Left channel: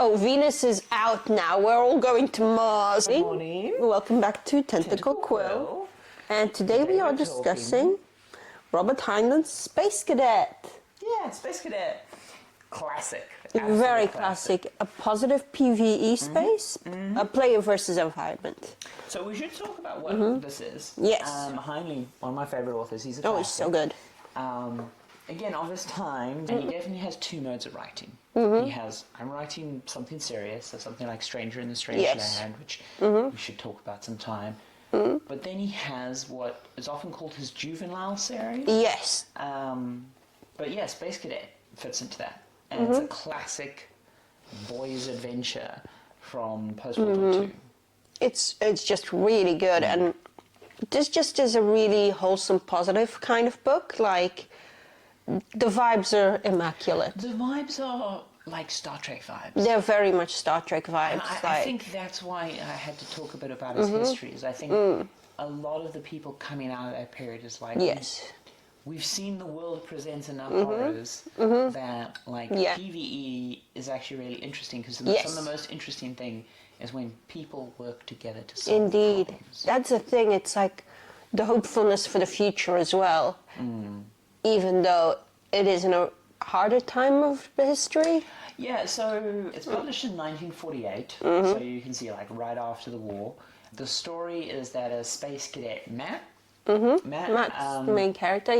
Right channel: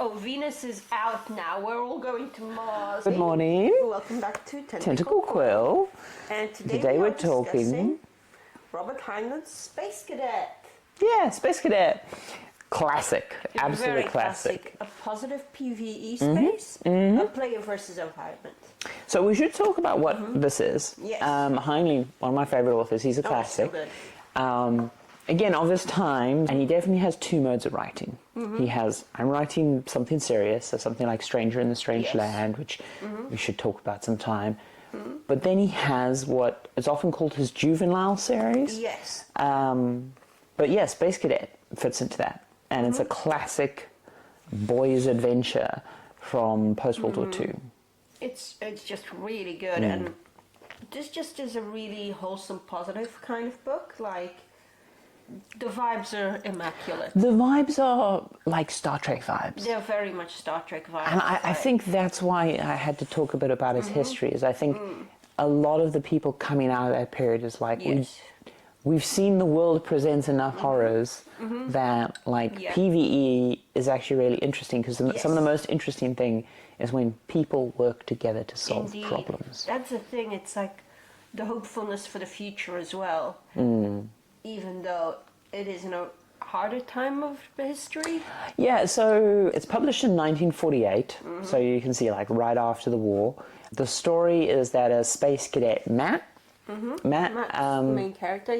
Oh, Venus is out now. We're all going to Mars. Good morning. Welcome back to Tentacle Quill. And today we are discussing Robert Heinlein's Space Cadet. Yeah, Space Cadet. Classic. Absolutely Very classic. A positive PvE space. A player versus environment. So we should talk about what this is. Yes. Heinlein, one of my favorite authors, he's a classic. Oh, so good. Again, of his time, and he definitely has two modes of writing. He has, I'm writing something serious, so something like Stranger in the Strange Land, which we should talk about sometime. But then he has what is often called his juvenile series. Yes. But yeah, Space Cadet fits into that. And it's a classic boys' adventure from post-World War II. It's just really good. And this just is a really wholesome, positive kind of book. Like, the vibes are immaculate. The vibes are like Star Trek vibes. They're very much Star Trek vibes. And I think that's why I had to talk a bit about his history, is I think a lot of the people coming out of that period is like, we've seen the world presents enough horrors that like PvE is actually really interesting, because some of the most interesting thing is when people work together to solve problems. That's the thing. It's like the hopefulness for the future as well. Even though it is in a harder time of the history. Yeah, so it's published in 1948, so you can see like right after the war. The story is that a space cadet, Matt's the main character,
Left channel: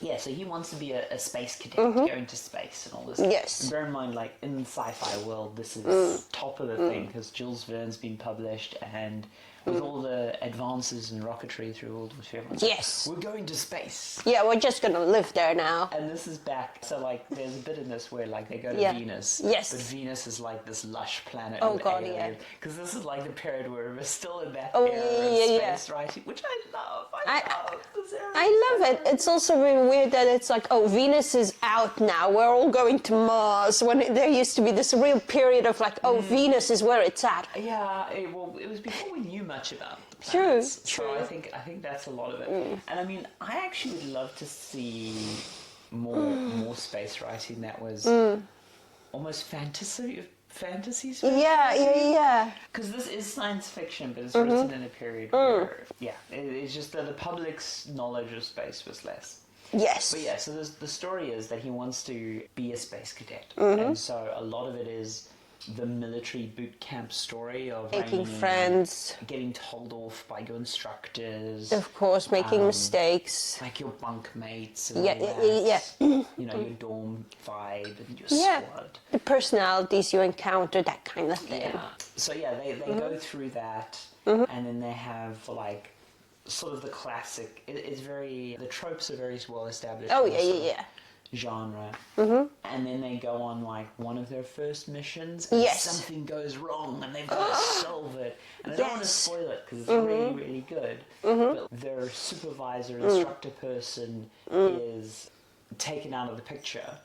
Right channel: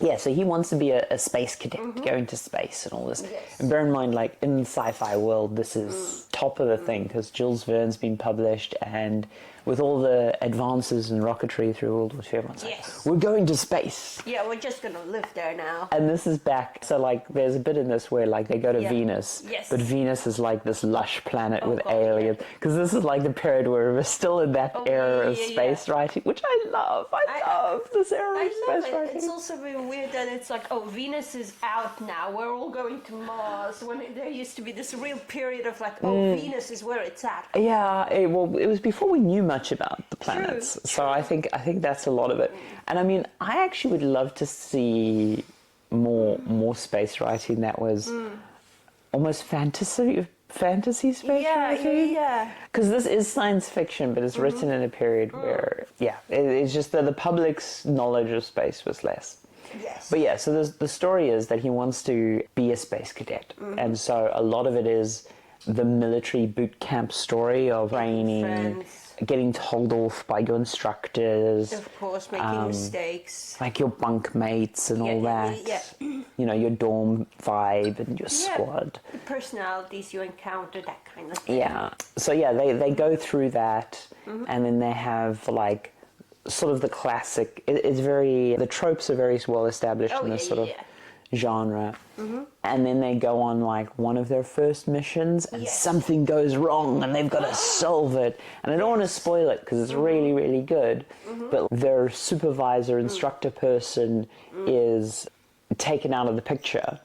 Yeah, so he wants to be a space cadet, go into space and all this. Yes. And bear in mind, like, in the sci-fi world, this is top of the thing, because Jules Verne's been published, and with all the advances in rocketry through World War II, everyone's like, we're going to space. Yeah, we're just going to live there now. And this is back, so, like, there's a bit in this where, like, they go to Venus. Yes. But Venus is, like, this lush planet with aliens. Because this is, like, the period where we're still in that era of space writing, which I love. I love this era I love it. writing. It's also really weird that it's like, oh, Venus is out now. We're all going to Mars. When there used to be this real period of, like, oh, Venus is where it's at. Yeah, it was before we knew much about the planets. So I think that's a lot of it. And I mean, I actually would love to see more space writing that was almost fantasy space writing. Yeah. Because this is science fiction, but it's written in a period where, it's just that the public's knowledge of space was less. Yes. But yeah, so the story is that he wants to be a space cadet. And so a lot of it is the military boot camp story of making friends, getting told off by your instructors. Of course, making mistakes. Like your bunk mates and all that. You know, your dorm vibe and your squad. The personalities you encounter, that kind of thing. Yeah. So yeah, they go through that, and then they have like sort of the classic. The tropes are very well established in this sort of genre, and then they go on like one of their first missions, and something goes wrong, and they've got to solve it. And I don't want to spoil it because it's really, really good. But their supervisor, instructor person is taken out of the picture,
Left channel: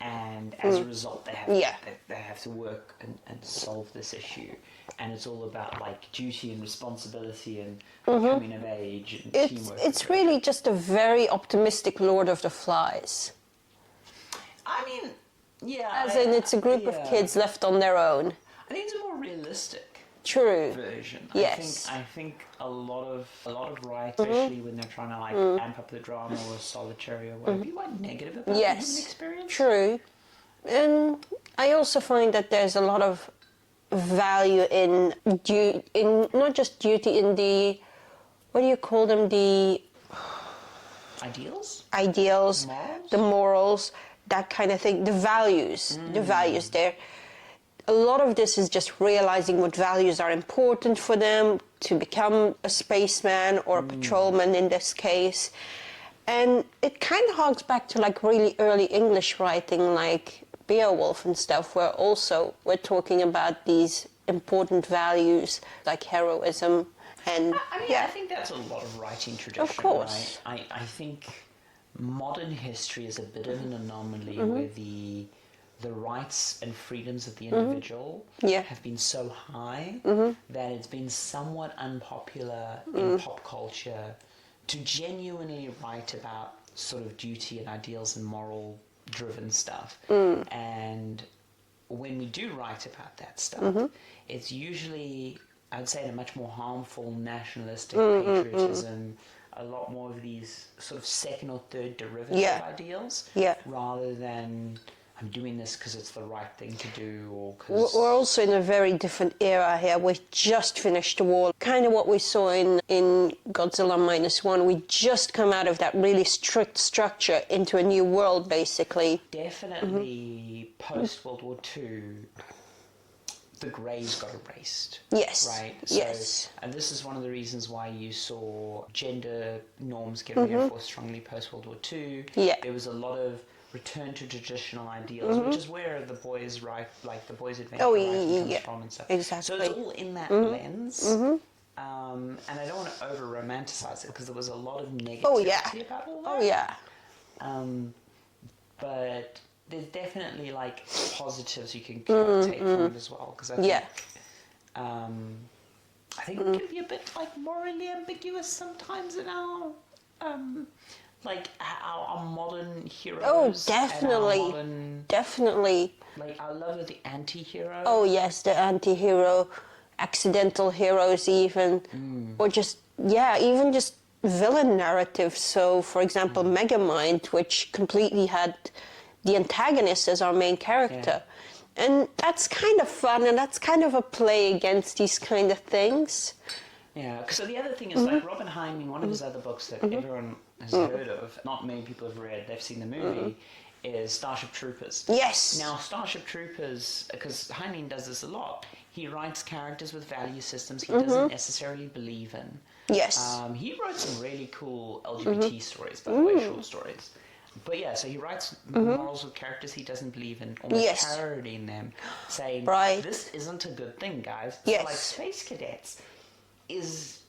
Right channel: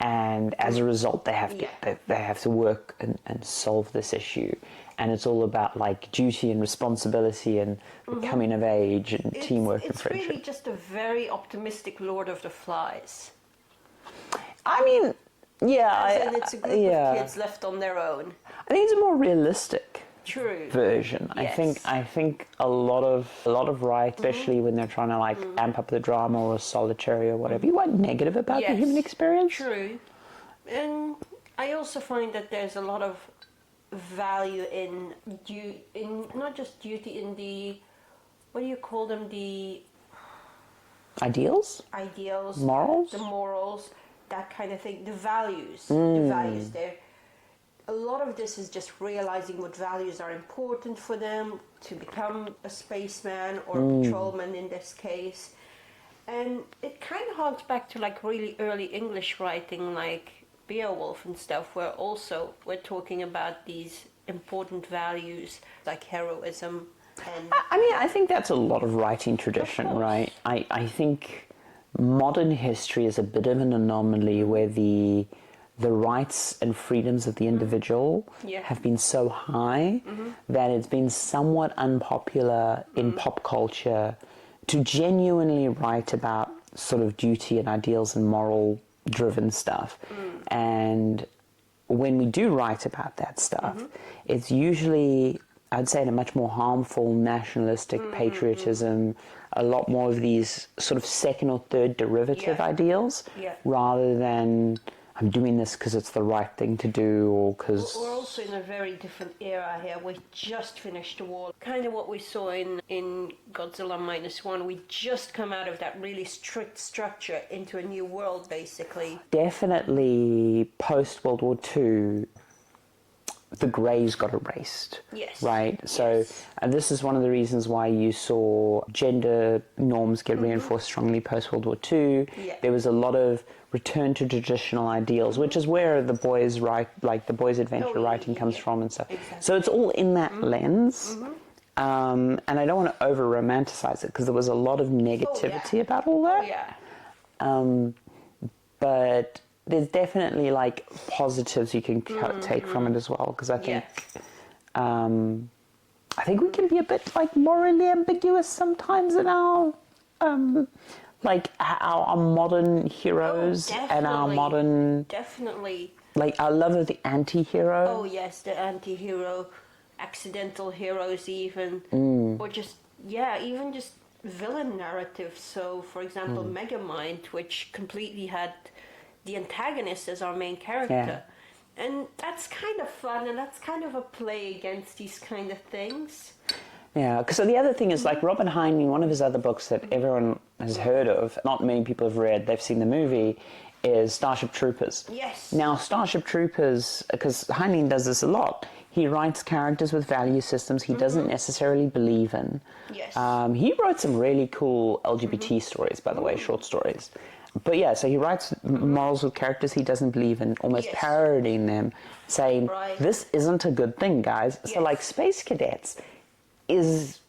and as a result, they have to work and solve this issue. And it's all about like duty and responsibility and coming of age and teamwork. It's really just a very optimistic Lord of the Flies. I mean, as in it's a group of kids left on their own. I think it's a more realistic version. Yes. I think a lot of writers, especially when they're trying to like amp up the drama or solitary or whatever, you are negative about the human experience. True. And I also find that there's a lot of value in not just duty, in the, what do you call them, the ideals, morals, the morals, that kind of thing, the values there. A lot of this is just realizing what values are important for them to become a spaceman or a patrolman in this case. And it kind of harks back to like really early English writing, like Beowulf and stuff, where also we're talking about these important values like heroism. And I think that's a lot of writing tradition, right? I think modern history is a bit of an anomaly where the rights and freedoms of the individual have been so high that it's been somewhat unpopular in pop culture to genuinely write about sort of duty and ideals and moral driven stuff. And when we do write about that stuff, it's usually, I'd say, a much more harmful nationalistic patriotism, a lot more of these sort of second or third derivative ideals, rather than I'm doing this because it's the right thing to do, or because... We're also in a very different era here. We just finished the war. Kind of what we saw in Godzilla -1. We just come out of that really strict structure into a new world, basically. Definitely post-World War II, the greys got erased. Yes. Right? So, and this is one of the reasons why you saw gender norms get reinforced strongly post-World War II. Yeah. There was a lot of return to traditional ideals, which is where the boys' the boys' adventure writing comes from and stuff. Exactly. So it's all in that lens. And I don't want to over-romanticize it because there was a lot of negativity about all that. But there's definitely like positives you can kind of take from it as well, because I think we can be a bit like morally ambiguous sometimes in our like our modern heroes and our modern like our love of the anti-hero. Oh yes, the anti-hero, accidental heroes even, or just even just villain narratives. So for example, Megamind, which completely had the antagonist as our main character. And that's kind of fun, and that's kind of a play against these kind of things. Yeah, because the other thing is, like, Robin Heinlein, one of his other books that everyone has heard of, not many people have read, they've seen the movie, is Starship Troopers. Yes. Now, Starship Troopers, because Heinlein does this a lot, he writes characters with value systems he doesn't necessarily believe in. Yes. He wrote some really cool LGBT stories, by the way, short stories. But yeah, so he writes models with characters he doesn't believe in, almost parodying them, saying, this isn't a good thing, guys. So like Space Cadets is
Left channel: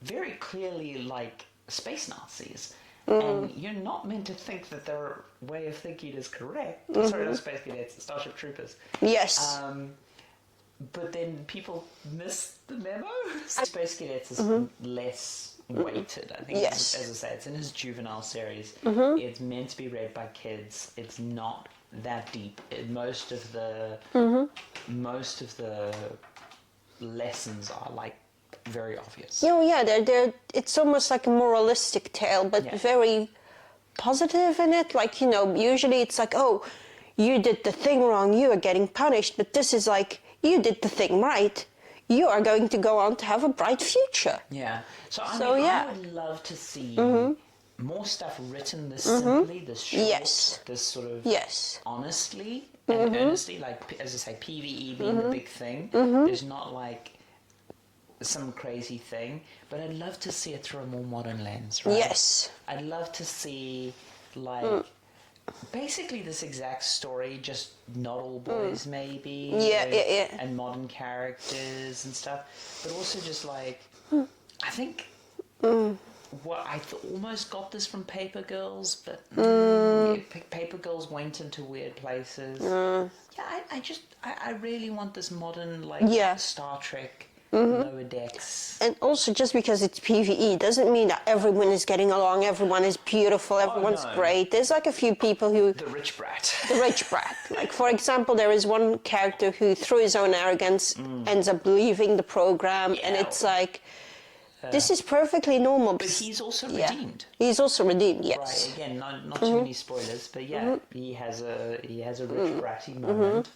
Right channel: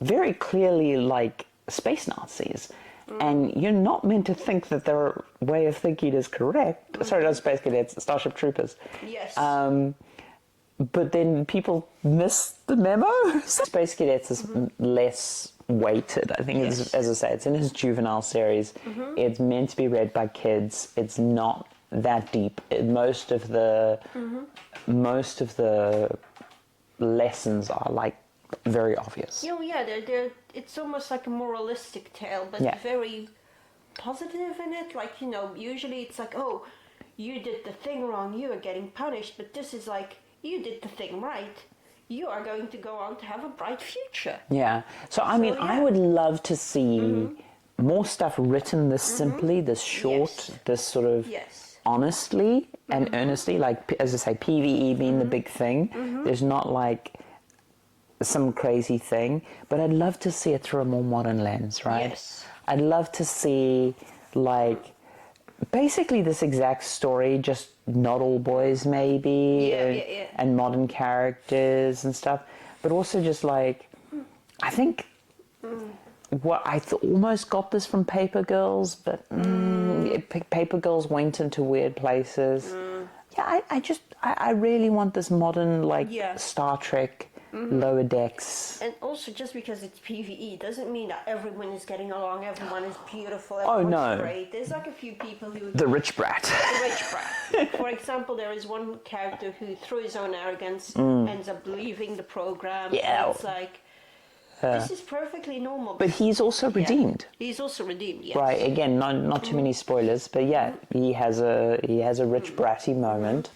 very clearly like space Nazis. And you're not meant to think that their way of thinking is correct. Sorry, not Space Cadets, Starship Troopers. Yes. But then people miss the memo. Space Cadets is less weighted. I think, as I say, it's in his juvenile series. It's meant to be read by kids. It's not that deep. Most of the lessons are like very obvious. They're it's almost like a moralistic tale, but very positive in it. Like, usually it's like, oh, you did the thing wrong, you are getting punished, but this is like, you did the thing right, you are going to go on to have a bright future. Yeah. So, I mean, I would love to see more stuff written this simply, this short, this sort of honestly and earnestly, like, as I say, PvE being the big thing. There's not like some crazy thing, but I'd love to see it through a more modern lens, right? Yes. I'd love to see, like, basically this exact story, just not all boys maybe, and modern characters and stuff, but also just like, I think what I almost got this from Paper Girls, but Paper Girls went into weird places. I really want this modern, like, Star Trek, Lower Decks. And also, just because it's PvE doesn't mean that everyone is getting along, everyone is beautiful, everyone's great. There's like a few people who... The rich brat. The rich brat. Like, for example, there is one character who, through his own arrogance, ends up leaving the program, and it's like... This is perfectly normal. But he's also redeemed. He's also redeemed, yes. Right, again, not too many spoilers, but he has a rich bratty moment.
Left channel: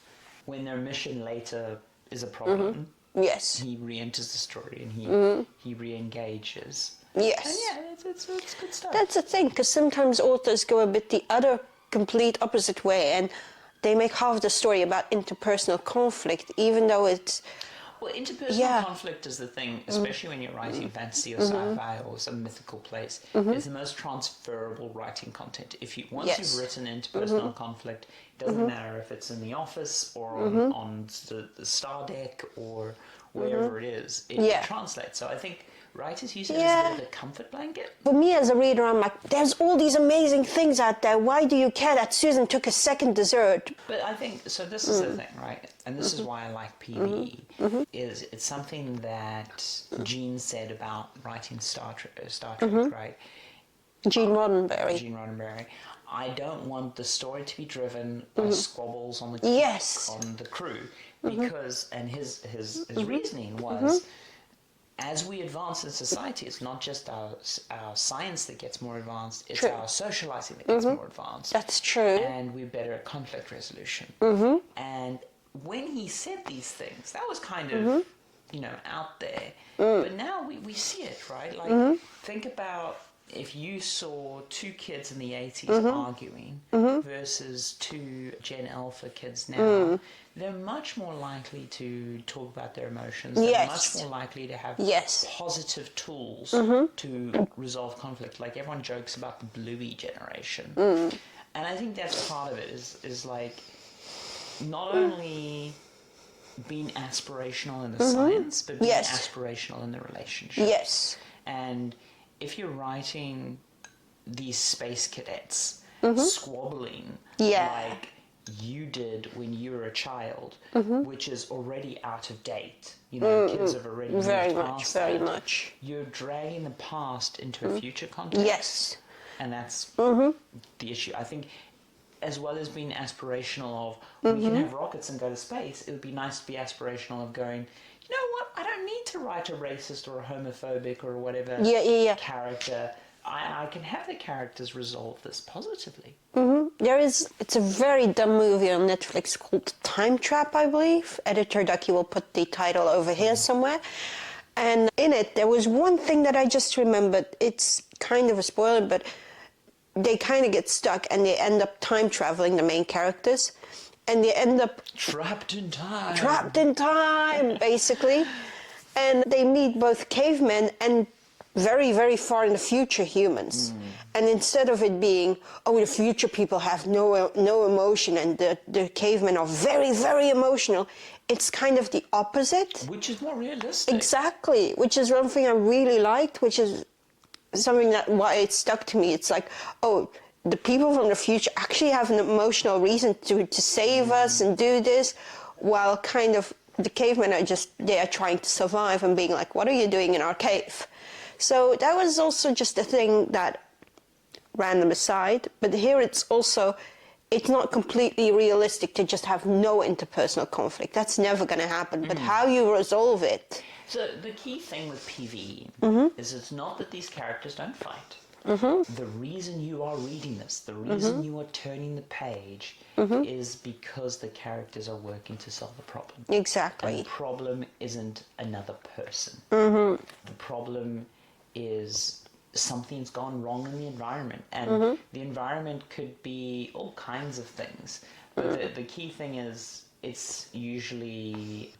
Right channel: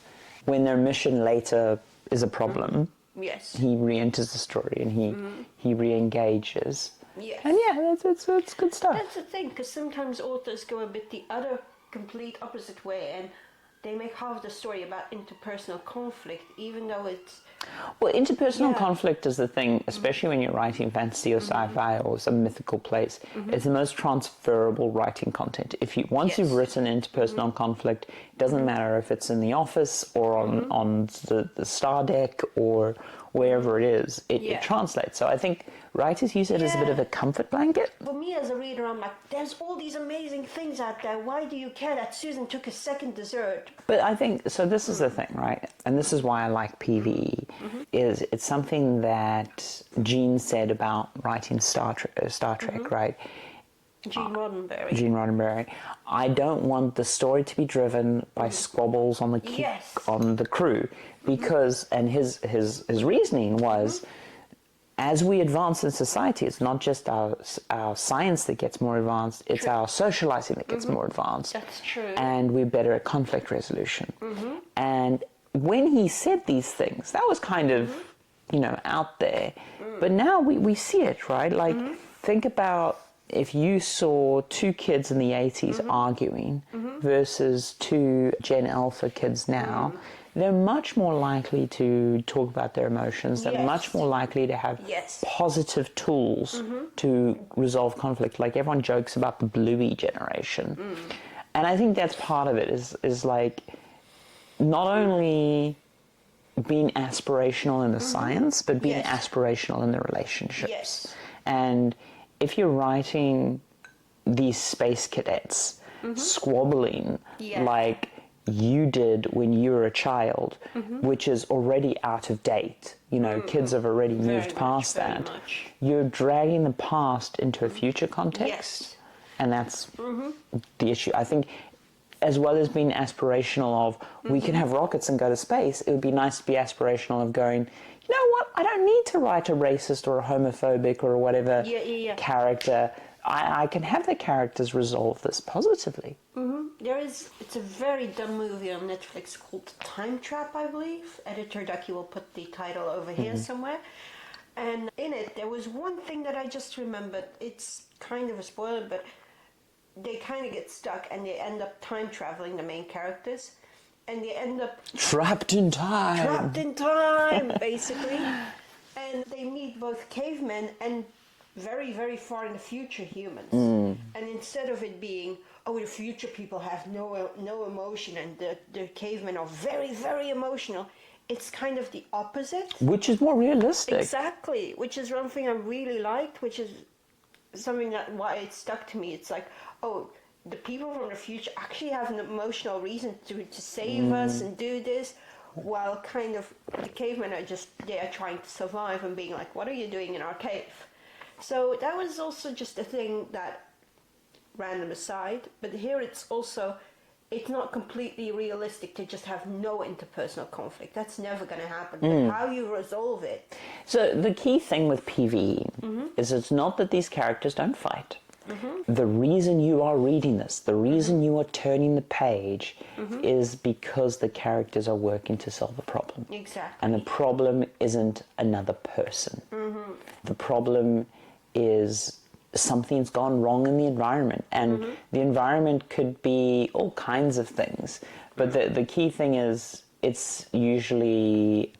When their mission later is a problem, he re-enters the story and he re-engages. Yes. And it's good stuff. That's the thing, because sometimes authors go a bit the other complete opposite way, and they make half the story about interpersonal conflict, even though it's... Well, interpersonal conflict is the thing, especially when you're writing fantasy or sci-fi or some mythical place. It's the most transferable writing content. Once you've written interpersonal conflict, it doesn't matter if it's in the office or on the star deck or wherever it is. It translates. So I think writers use it as a bit of a comfort blanket. For me as a reader, I'm like, there's all these amazing things out there. Why do you care that Susan took a second dessert? But I think, so this is the thing, right? And this is why I like PvE, is it's something that Gene said about writing Star Trek, right? Gene Roddenberry. Gene Roddenberry. I don't want the story to be driven by squabbles on the on the crew, because and his reasoning was, as we advance in society, it's not just our science that gets more advanced; it's our socializing that gets more advanced. That's true. And we're better at conflict resolution. And when he said these things, that was kind of out there. But now we see it, right? Like, think about if you saw two kids in the 80s arguing versus two Gen Alpha kids now, they're much more likely to talk about their emotions. They're much more likely to have positive tools to resolve conflict. Like, everyone jokes about the Bluey generation. And I think that's part of it, is like, not only being aspirational in the science, but being aspirational in the relationships. Yes. And if you're writing these space cadets squabbling like you did when you were a child, which is already out of date, kids have already moved past that. You're dragging the past into a future context. Yes. And that's the issue. I think, as well as being aspirational of, we can have rockets and go to space, it would be nice to be aspirational of going, you know what, I don't need to write a racist or a homophobic or whatever character. I can have the characters resolve this positively. It's a very dumb movie on Netflix called Time Trap, I believe. Editor Ducky will put the title over here somewhere. And in it, there was one thing that I just remembered. It's kind of a spoiler, but they kind of get stuck and they end up time traveling, the main characters, and they end up trapped in time basically, and they meet both cavemen and very, very far in the future humans. And instead of it being, the future people have no emotion and the cavemen are very, very emotional, it's kind of the opposite, which is more realistic. Exactly, which is one thing I really liked, which is something that why it stuck to me. It's like, the people from the future actually have an emotional reason to save us and do this, while kind of the cavemen are they are trying to survive and being like, what are you doing in our cave? So that was also just a thing that, random aside, but here it's not completely realistic to just have no interpersonal conflict. That's never going to happen. But how you resolve it. So the key thing with PvE is it's not that these characters don't fight. The reason you are reading this, the reason you are turning the page is because the characters are working to solve the problem. Exactly. And the problem isn't another person. The problem is something's gone wrong in the environment. And the environment could be all kinds of things. But the key thing is it's usually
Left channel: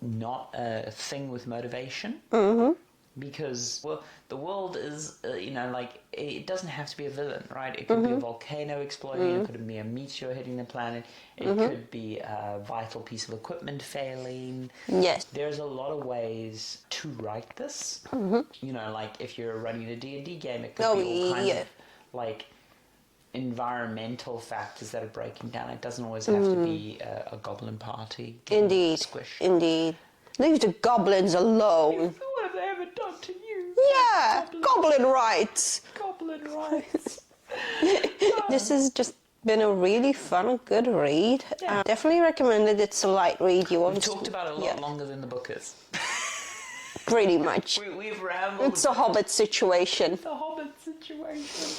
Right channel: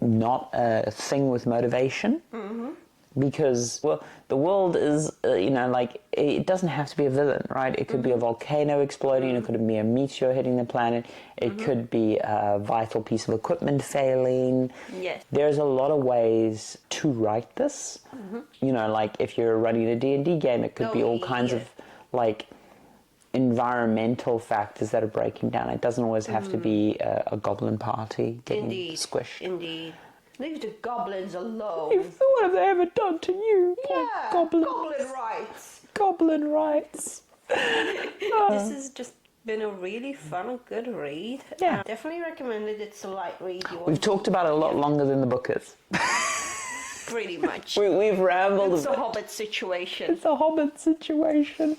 not a thing with motivation. Because, the world is, it doesn't have to be a villain, right? It could be a volcano exploding, it could be a meteor hitting the planet, it could be a vital piece of equipment failing. Yes. There's a lot of ways to write this. Like if you're running a D&D game, it could be all kinds of, environmental factors that are breaking down. It doesn't always have to be a goblin party getting squished. Indeed. Leave the goblins alone. What have they ever done to you? Yeah, goblin rights. Goblin rights. This has just been a really fun, good read. Yeah. Definitely recommend it. It's a light read. We've talked about it a lot longer than the book is. Pretty much. We've rambled. It's a Hobbit situation. It's a Hobbit situation.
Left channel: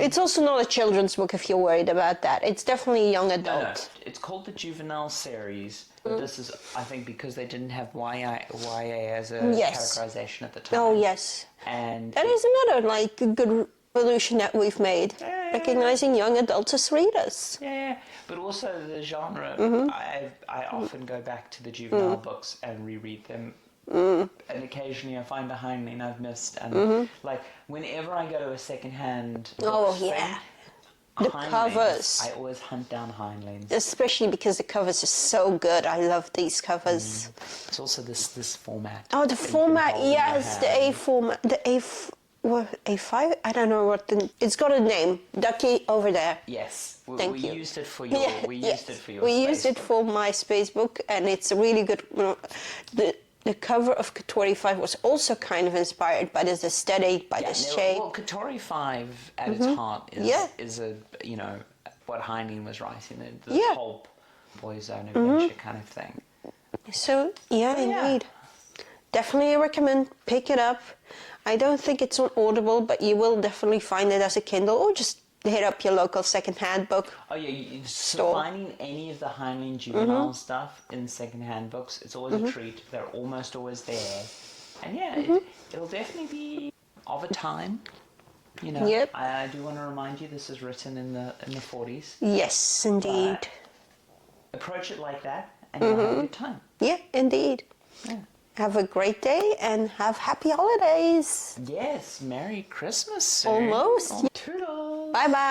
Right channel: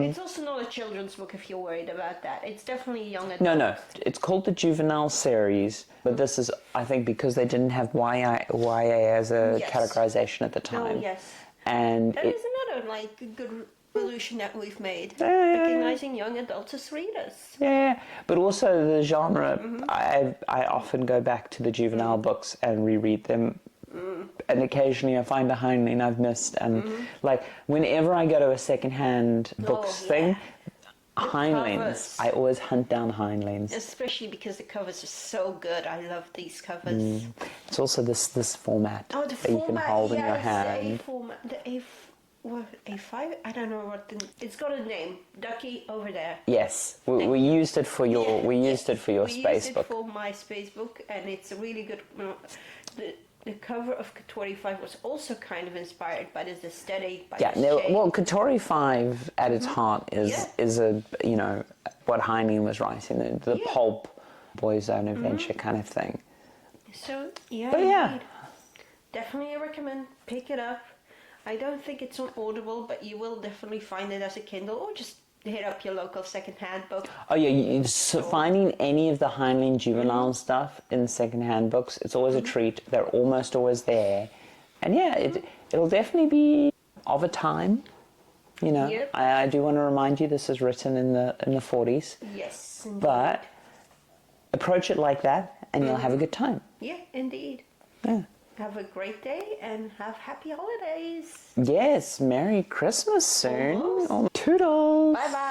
It's also not a children's book if you're worried about that. It's definitely young adult. No. It's called the Juvenile Series, but this is, I think, because they didn't have YA as a categorization at the time. Oh, yes. And that is another, good evolution that we've made. Recognizing young adults as readers. Yeah, but also the genre. I often go back to the juvenile books and reread them. And occasionally I find a Heinlein I've missed, and whenever I go to a second-hand books thing, Heinleins, I always hunt down Heinleins. Especially because the covers are so good. I love these covers. It's also this format. Oh, the format, yes, the A format, A5? I don't know what it's got a name. Ducky over there. Yes, we used it for your. We used it for your. We used it for my space book, and it's a really good. the cover of Katori 5 was also kind of inspired by this aesthetic, by this shape. Well, Katori 5 at its heart is a, you know, what Heinlein was writing, the pulp boyzone adventure kind of thing. So, indeed. Definitely recommend pick it up. I don't think it's on Audible, but you will definitely find it as a Kindle, or just hit up your local second-hand book. Oh yeah, so finding any of the Heinlein juvenile stuff in second-hand books, it's always a treat. They're almost always there. And it'll definitely be of a time. You know, I do want to remind you this is written in the 40s. Yes, indeed. But approach it like that and you'll have a good time. Yeah, indeed. Yeah. Have a great day and have happy holidays. Yes, Merry Christmas soon. Almost. Toodles. Bye-bye.